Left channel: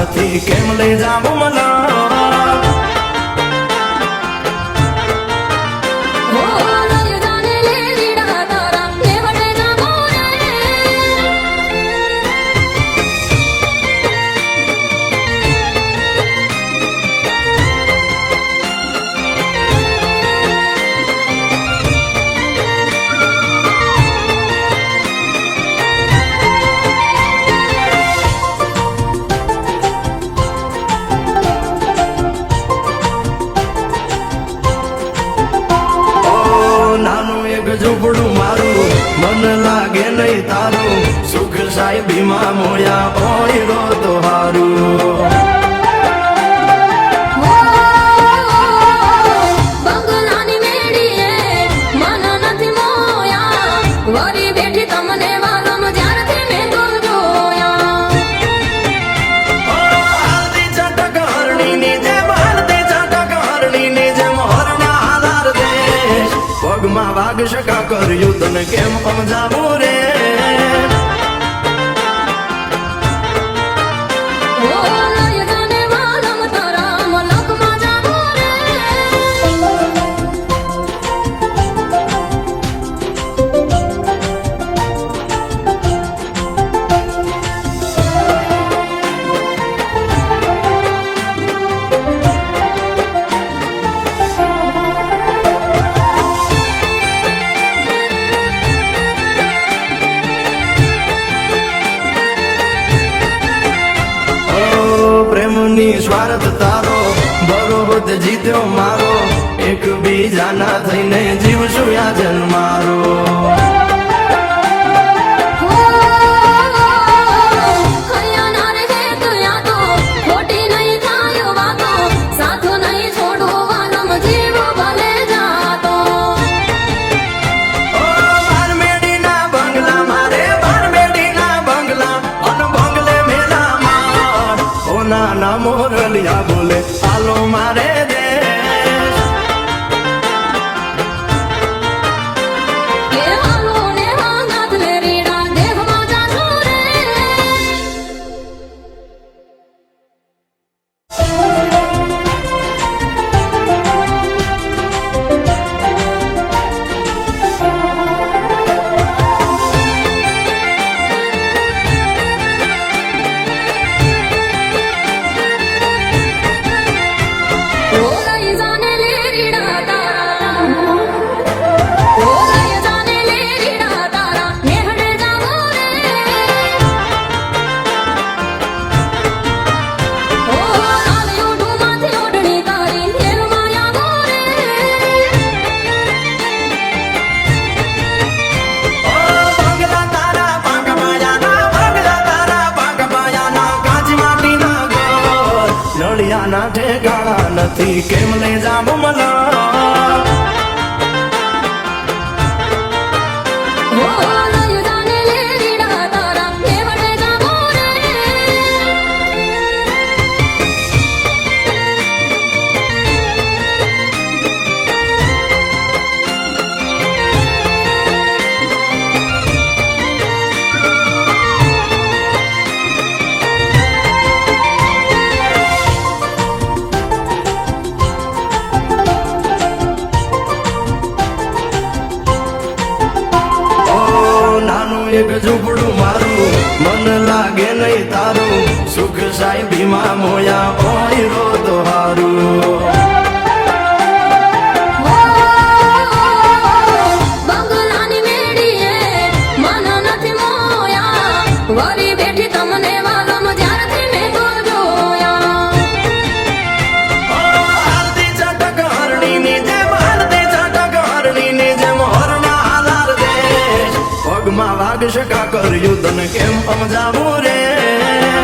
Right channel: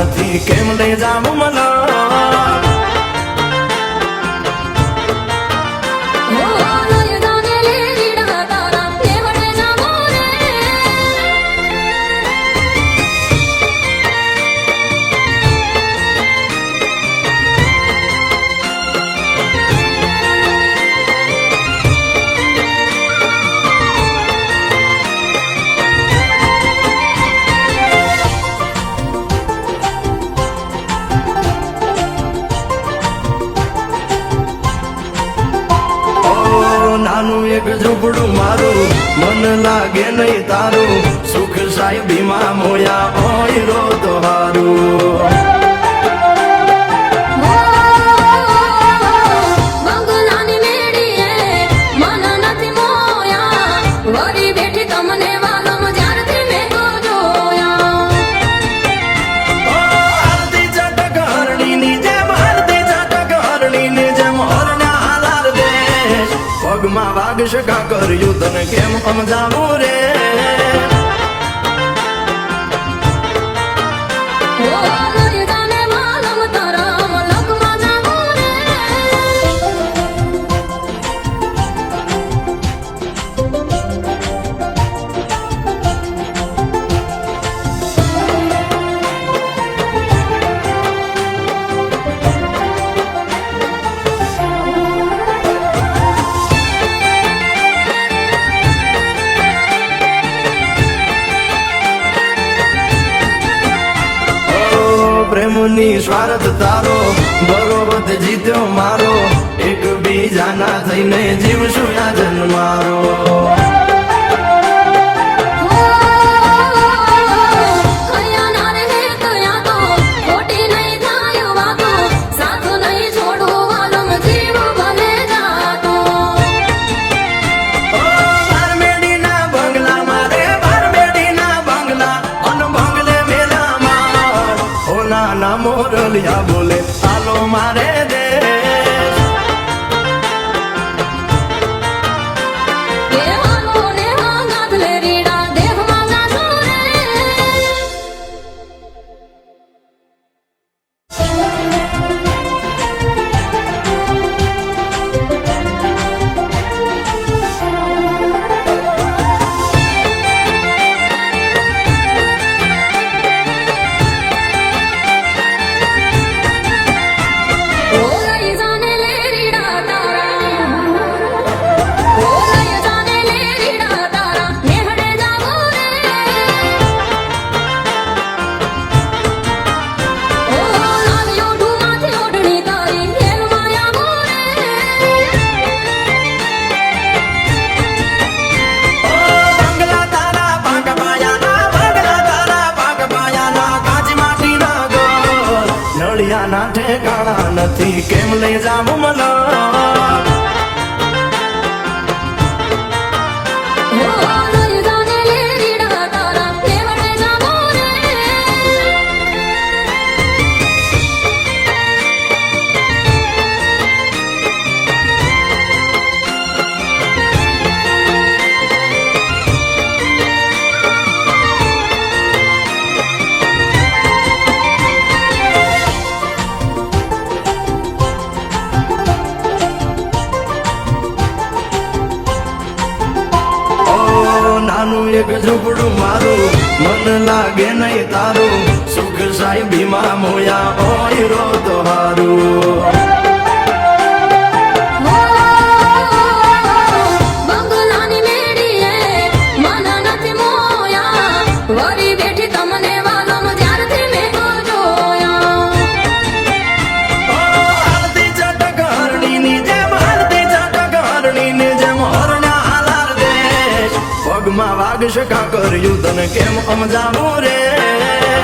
નથી કેમ લઈ જાઉં મલા ઝૂંપડું મારું મન લાગે નહીં તારું સુખ સાહેબીમાં મોયા હોય રો તો હારું પગમાં વાગ શકા કર્યું તને કેમ સમજાવું રે પ્રેમની સ્વાર્થ તારો બરોબર જીત્યો મારો એક બીજાના થઈને જીવશું આ જન્મારો નાના મોરલિયા બોલે હાલો મારે દે ના ઠેકાણા નથી કેમ લઈ જાઉં મલા એક ઝૂંપડું મારું મન લાગે નહીં તારું સુખ સાહેબીમાં મોયા હોય રો તો હારું બંગલાની મેડીએ માનો નથી મોયા વરી બેઠી તમને વાલમ જ્યારથી મેં જોયા આરતી ચટક હરણીની જેમ આરતી ચટક હરણીની જેમ હરના આધાર દે પગમાં વાગ શકા કર્યું તને કેમ સમજાવું રે